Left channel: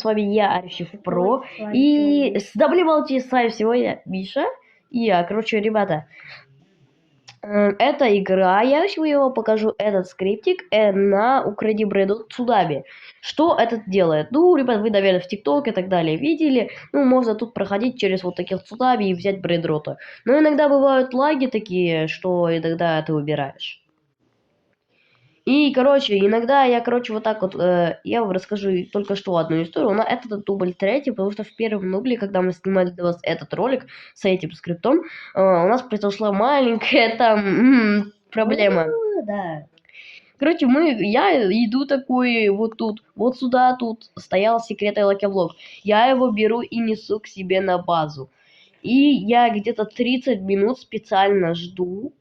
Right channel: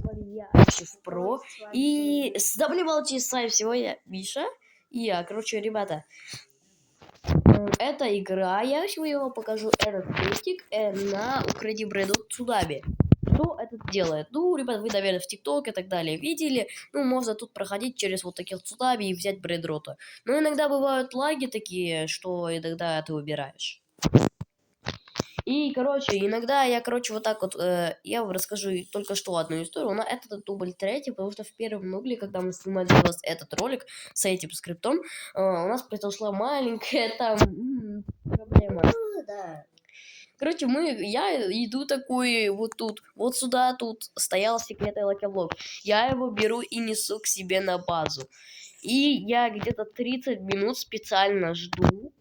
с вами я, Альчев Про. И с добрым с вами сегодня Миша. И я, короче, ребята, эта игра, я сегодня вам покажу этот скриптик на Укради Бреду Цунами. Что это делает? Ну, ребят, вы, наверное, в ТикТок и так далее видели. Ну, можно тут проходить через вот таких цунами и взять Бредрота. Но иногда бывают лаги такие, что иногда ты выбираешь. И, короче, иногда я, вот так вот, я вам расскажу только что одну историю, но это дубль третий, потому что в первом дубле, когда мы снимали этот ролик с этим скриптом, у нас произошла маленькая там проблема. Да. Короче, я иду такой вот тут, вот сюда тут стоял секретный лаки-блок. Я его беру и несу к себе на базу. И я где-то 30 минут специально жду.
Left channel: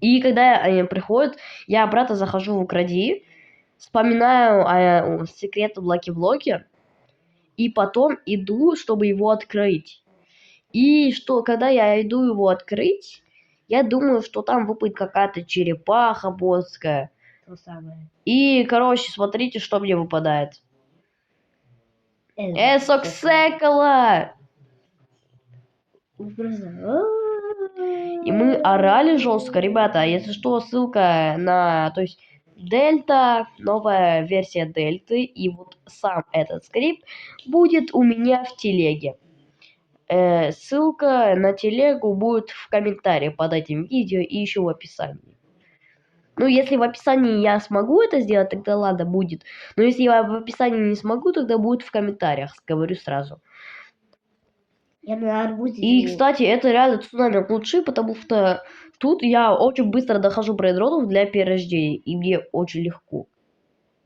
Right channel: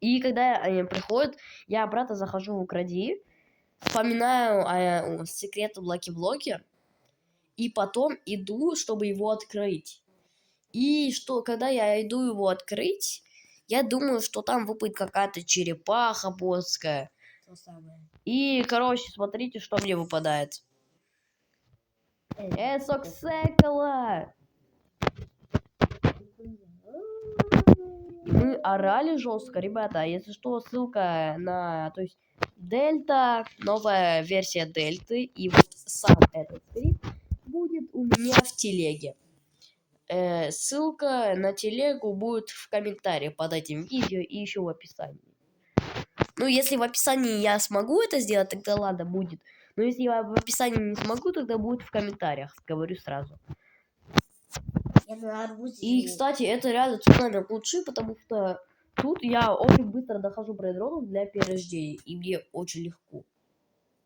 И когда они приходят, я обратно захожу в Укради, вспоминаю о секретном лаки-блоке, и потом иду, чтобы его открыть. И когда я иду его открыть, я думаю, что там выпадет какая-то черепаха боссская. То самое. И, короче, смотрите, что мне выпадает. Соксекала! И мы орали жестко, ребята. Если что, ссылка на, то есть, Дельта, новая версия Дельты, и вот сам этот скрипт будет у меня в телеге. Ссылка на телегу будет в комментарии под этим видео и еще в описании. Ну, если в описании я смогу это сделать, тогда ладно, будет. Но если я в описании не смогу, тогда будет в комментариях, говорю сразу. И, кстати, это реально цунами лучше, потому что тут я очень быстро дохожу брейдротов для перерождения, и мне очень легко.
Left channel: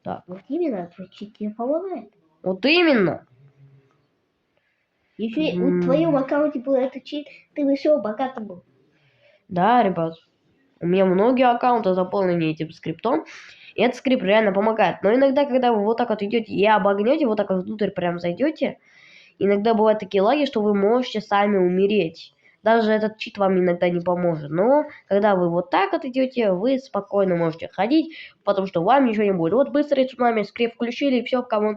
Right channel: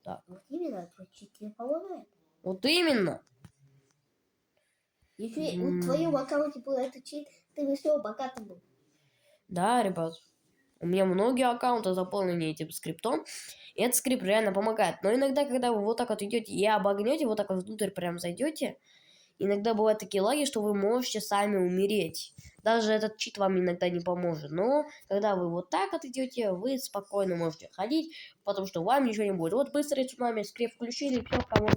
Так. Вот именно, твой чит тебе помогает. Вот именно. Если в твоем аккаунте был этот чит, ты бы все богатым был. Да, ребят. У меня многие аккаунты заполнены этим скриптом. И этот скрипт реально помогает. Но иногда, когда вы вот так вот идете и обогнете, вот так вот внутрь прям зайдете, иногда бывают такие лаги, что вы можете сами умереть. Даже этот чит вам иногда не поможет. Но когда вы вот так вот идете, вы спокойно можете ходить, потому что вам ничего не будет. Вот быстрый цунами, скрипт включили, и все, кому.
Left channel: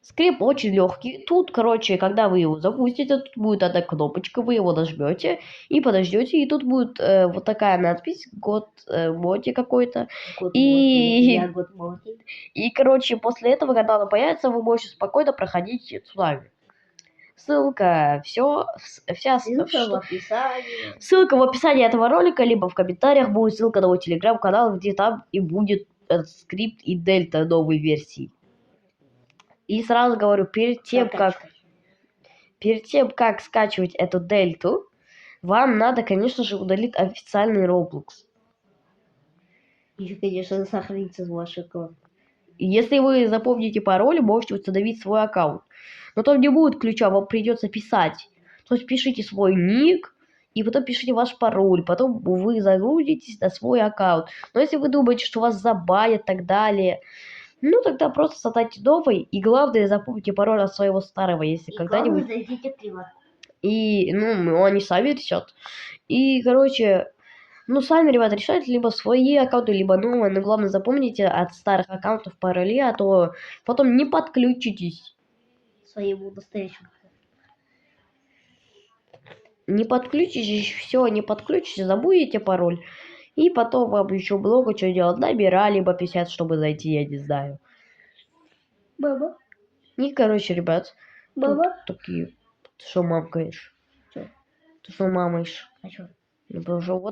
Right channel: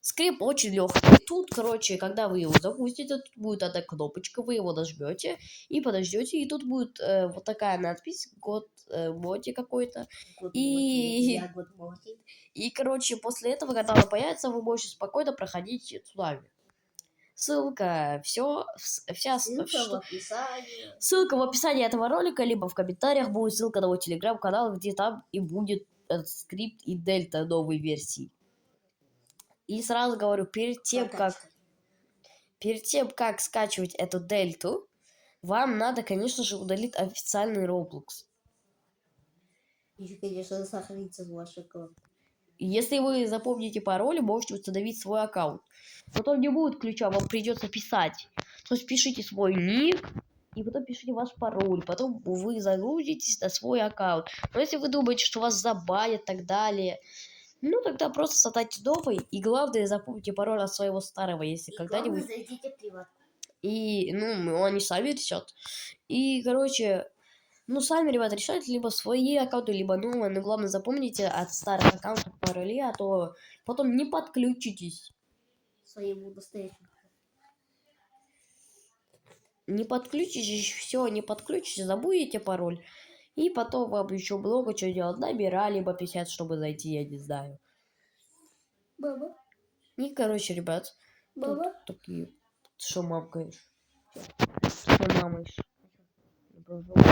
Скрипт очень легкий. Тут, короче, когда вы его запустите, тут будет одна кнопочка, вы его нажмете и подождете, и тут будет вот такая надпись «Год моти» какой-то. И, короче, после этого, когда она появится, вы можете спокойно проходить цунами. Ссылка, вся ссылка в описании. Ссылка в описании этого ролика, либо в комментариях будет ссылка на мой телеграм-канал, где там и будет этот скрипт и дельта новой версии. И сразу говорю, перед тем, как скачивать эту дельту, вам надо, конечно же, удалить официальный Roblox. И, конечно, сохранится ваш аккаунт. Если вы запомните пароль, можете установить свой аккаунт. Но там не будет ключа, вам придется писать. То есть пишите свой ник, и потом пишите ваш пароль. Потом вы загрузитесь на свой аккаунт. Но если вы думаете, что вас забанят и так далее, ну тогда просто создайте новый. И главное, запомните пароль от своего старого, если когда-нибудь. Зайдите в приват. И, они сами решат. И, короче, сами, ребята, решайте либо свои аккаунты, либо новые. Но главное, запомните от старых аккаунтов пароли, а то потом не подключитесь. Своему настоящему. Не подключитесь, все, не подключитесь, забудете пароль. И потом вам еще много что делать. Набирали, либо 50, чтобы зайти, я не знаю. Баба. И, короче, ребят. Баба. Такие... Что мамкаешь? Что мамаешь? А что?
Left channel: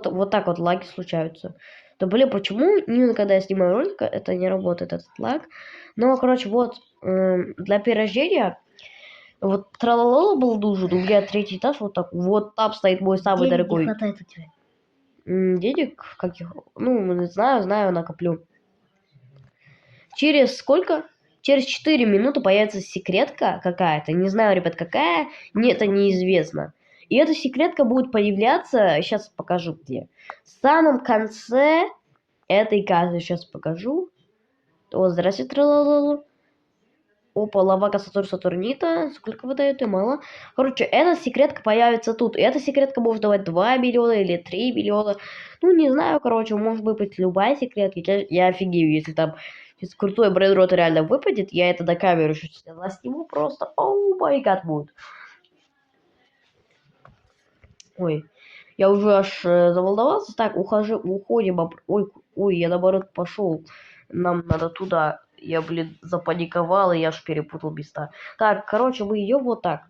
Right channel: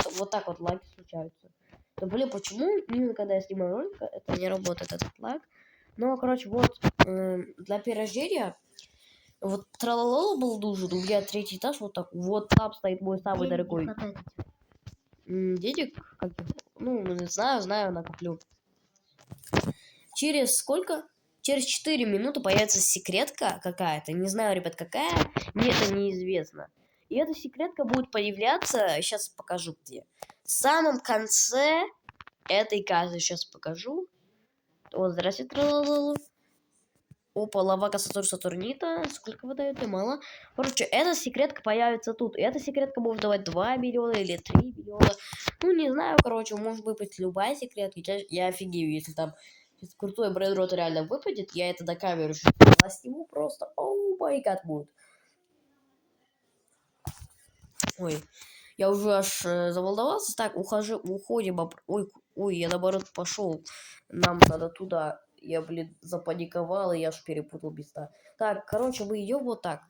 Вот так вот лаги случаются. Да блин, почему когда я снимаю ролик, это не работает, этот лаг? Ну, короче, вот для перерождения вот тралалала был нужен, у меня 3-й этаж, вот так, вот там стоит мой самый дорогой. Не хватает у тебя? Денег каких? Не знаю, накоплю. Через сколько? Через 4 минуты появится секретка какая-то. Не знаю, ребят, какая. Мне это неизвестно. И эта секретка будет появляться, сейчас покажу где. В самом конце этой карты сейчас покажу. Вот, здравствуйте, тралалалу. Опа, лавака Сатурнита. Сколько выдает? И мало. Короче, эта секретка появится тут. И эта секретка может давать 2 миллиона или 3 миллиона. Ну, не знаю, короче, может быть любая секретка. Я офигею, если там Если крутой брейдрот реально выпадет, я это до камеры сейчас сниму просто. Оу май гад будет. Ой, я уже аж заволновался. Так, уходим. Ой, я наоборот пошел. Нам надо туда. Я, блин, запаниковал, и я аж перепутал места. Так, короче, мы идем вот так.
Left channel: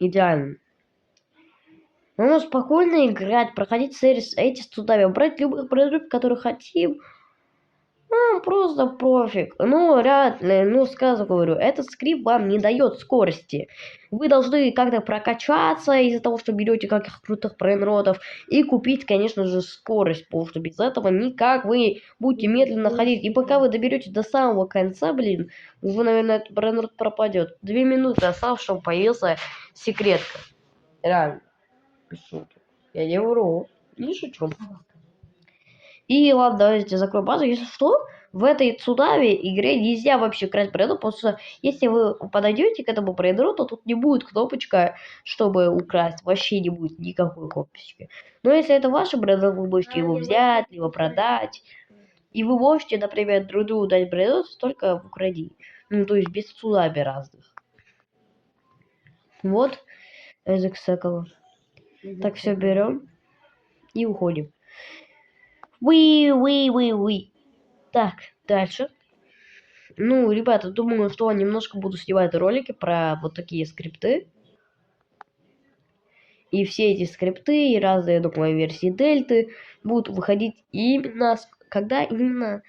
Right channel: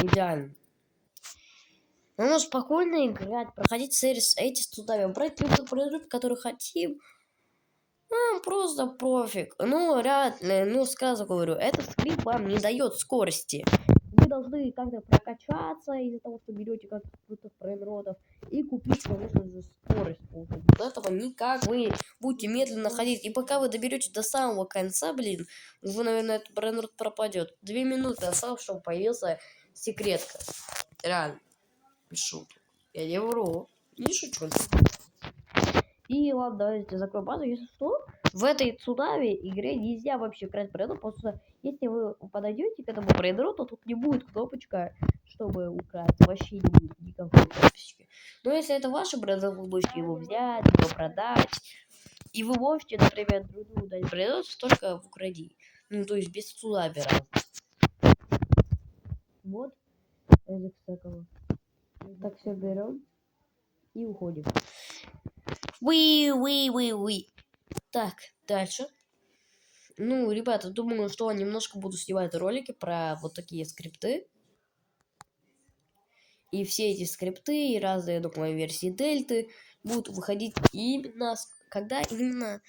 Идеально. Мы можем спокойно играть, проходить эти студами, брать любой продукт, который хотим. Просто пофиг. Сразу говорю, этот скрипт вам не дает скорости. Вы должны как-то прокачаться из-за того, что берете каких крутых брейнротов и купить, конечно же, скорость, потому что без этого никак вы будете медленно ходить. И пока вы доберете до самого конца, блин, уже, наверное, этот брейнрот пропадет. 2 минуты осталось, чтобы появился секретка. Реально. Без шуток. Я не вру. Не шучу. И ладно, давайте закроем базу. Если что, в этой цунами игре нельзя вообще красть брейнрот, потому что если вы подойдете к этому брейнроту, тут не будет кнопочка, чтобы украсть. Вообще не будет никакой кнопочки. Но если это ваш брейнрот, вы можете его взять, его продать. И вы можете, например, друг другу дать брейнрот только в укради. Ну, то есть без цунами разных. Вот. Язык секала. Так, все берем и уходим. Уи. Так, дальше. Ну, ребята, думаю, что немножко буду снимать ролики про вот такие скрипты. И все эти скрипты и разные, думаю, версии дельты будут выходить именно, когда именно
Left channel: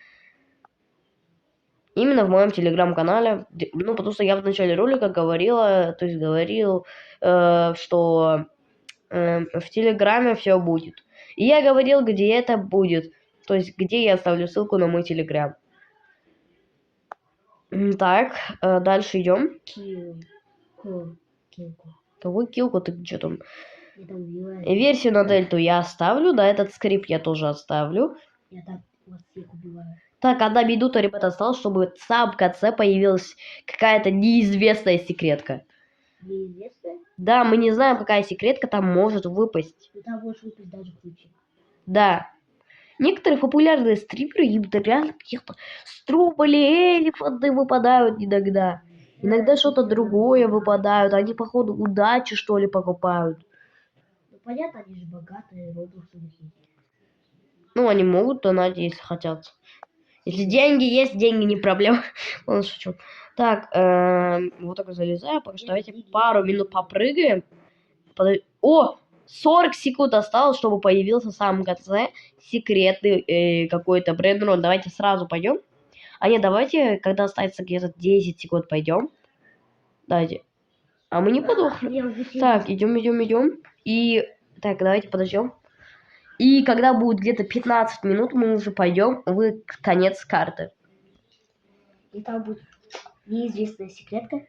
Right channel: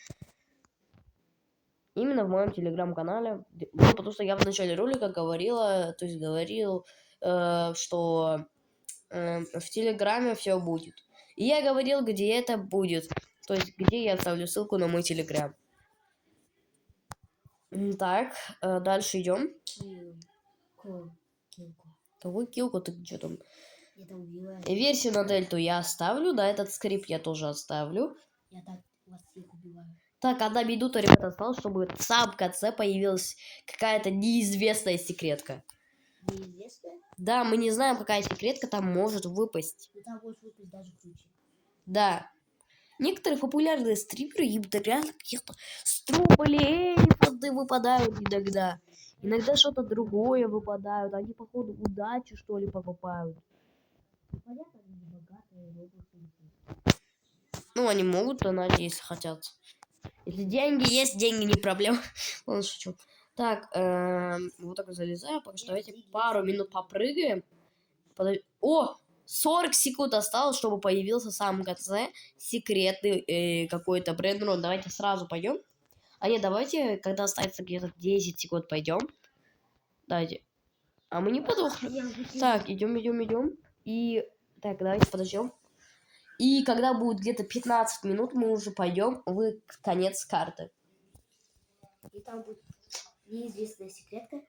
в моем телеграм-канале. Ну, потому что я в начале ролика говорил, что в телеграме все будет. И я говорил, где это будет. То есть, где я оставлю ссылку на мой телеграм. Так, дальше идем. Какой килку ты что там? Версию на дельту я оставлю, да, этот скрипт я тоже оставлю. Я так вас всех убиваю. Так, 1 минута, ребята, осталось, чтобы в самом конце появилась какая-то неизвестная секретка. Неизвестная? Да, мы не знаем, какая секретка там может выпасть. Но там может выпасть даже круче. Да. Некоторые популярные стримеры, им реально каких-то строполи, элефанты выпадают иногда. Иногда что-то другое выпадают. Они, походу, удачи, что ли, покупают. Ну, понятно, они же богатые, роблоксы. Ну, они могут донатить, если хотят. Если деньги есть, деньги не проблема. Ладно, шучу. Так, вот так залезаю. Пока что давайте пару минут попрыгаем. О! 40 секунд осталось, чтобы появился в самом конце секретный какой-то брейнрот. Давайте сразу пойдем. А нет, давайте, когда останется где-то 10 секунд, пойдем. Давайте. А мы не подохнем. Так, идем. И так, давайте подождем. И когда будет где-то 15 минут, мы уже пойдем в конец карты. И там будет неизвестная секретка,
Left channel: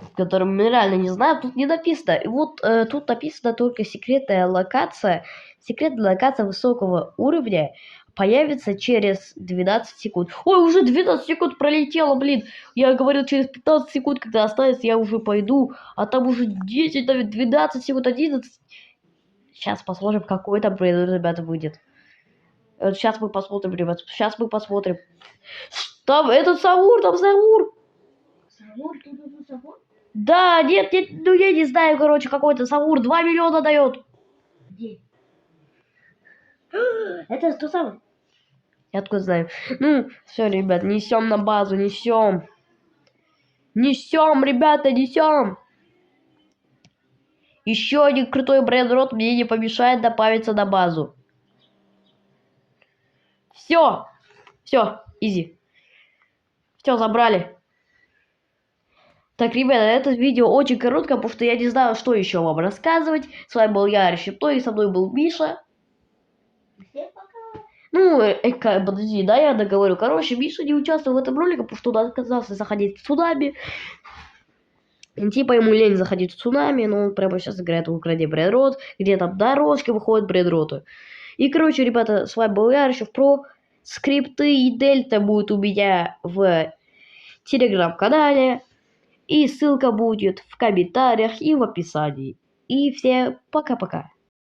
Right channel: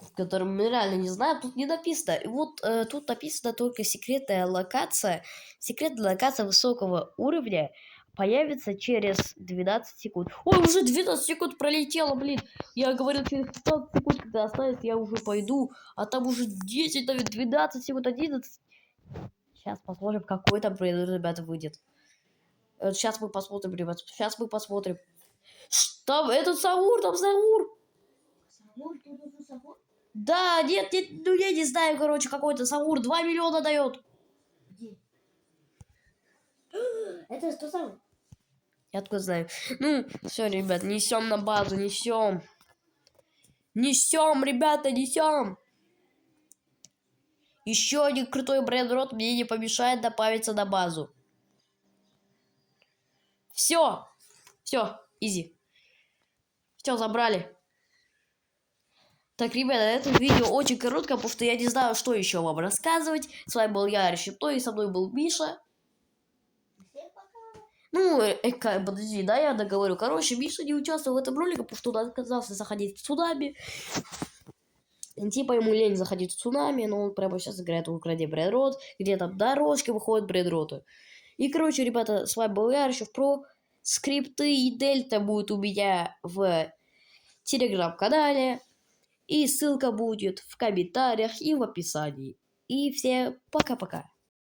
в котором мы реально не знаем, тут не написано. И вот тут написано только секретная локация. Секретная локация высокого уровня появится через 12 секунд. Ой, уже 12 секунд пролетело, блин. Я говорил, через 15 секунд, когда останется, я уже пойду. А там уже 10, 12 секунд, 11. Сейчас посмотрим, какой там брейнрот, ребята, выйдет. Сейчас мы посмотрим, ребят. Сейчас мы посмотрим. Там этот Саур, там Саур. Саур, тут уже Саур? Да, нет, ну я не знаю, короче, какой-то Саур 2 миллиона дает. Где? Это тот самый? Я откуда знаю. Ну, все, ребят, несем на базу, несем. Несем, ребята, несем. Еще один крутой брейнрот мне не помешает добавиться на базу. Все, изи. Все, забрали. Так, ребята, это видео очень короткое, потому что я не знаю, что еще вам рассказывать. С вами был я, Решепто, и со мной был Миша. Всем пока. Ну, подожди, да, я договорю. Короче, Миша не участвовал в этом ролике, потому что он отказался заходить в цунами. Типа ему лень заходить в цунами, но он прямо сейчас играет в «Укради брейнрот», где там дорожки выходят брейнроты. И, короче, ребята, с вами был я, Решепто. Скрипты и дельта будут у меня в телеграм-канале. И ссылка будет в комментариях и в описании. И всем пока-пока.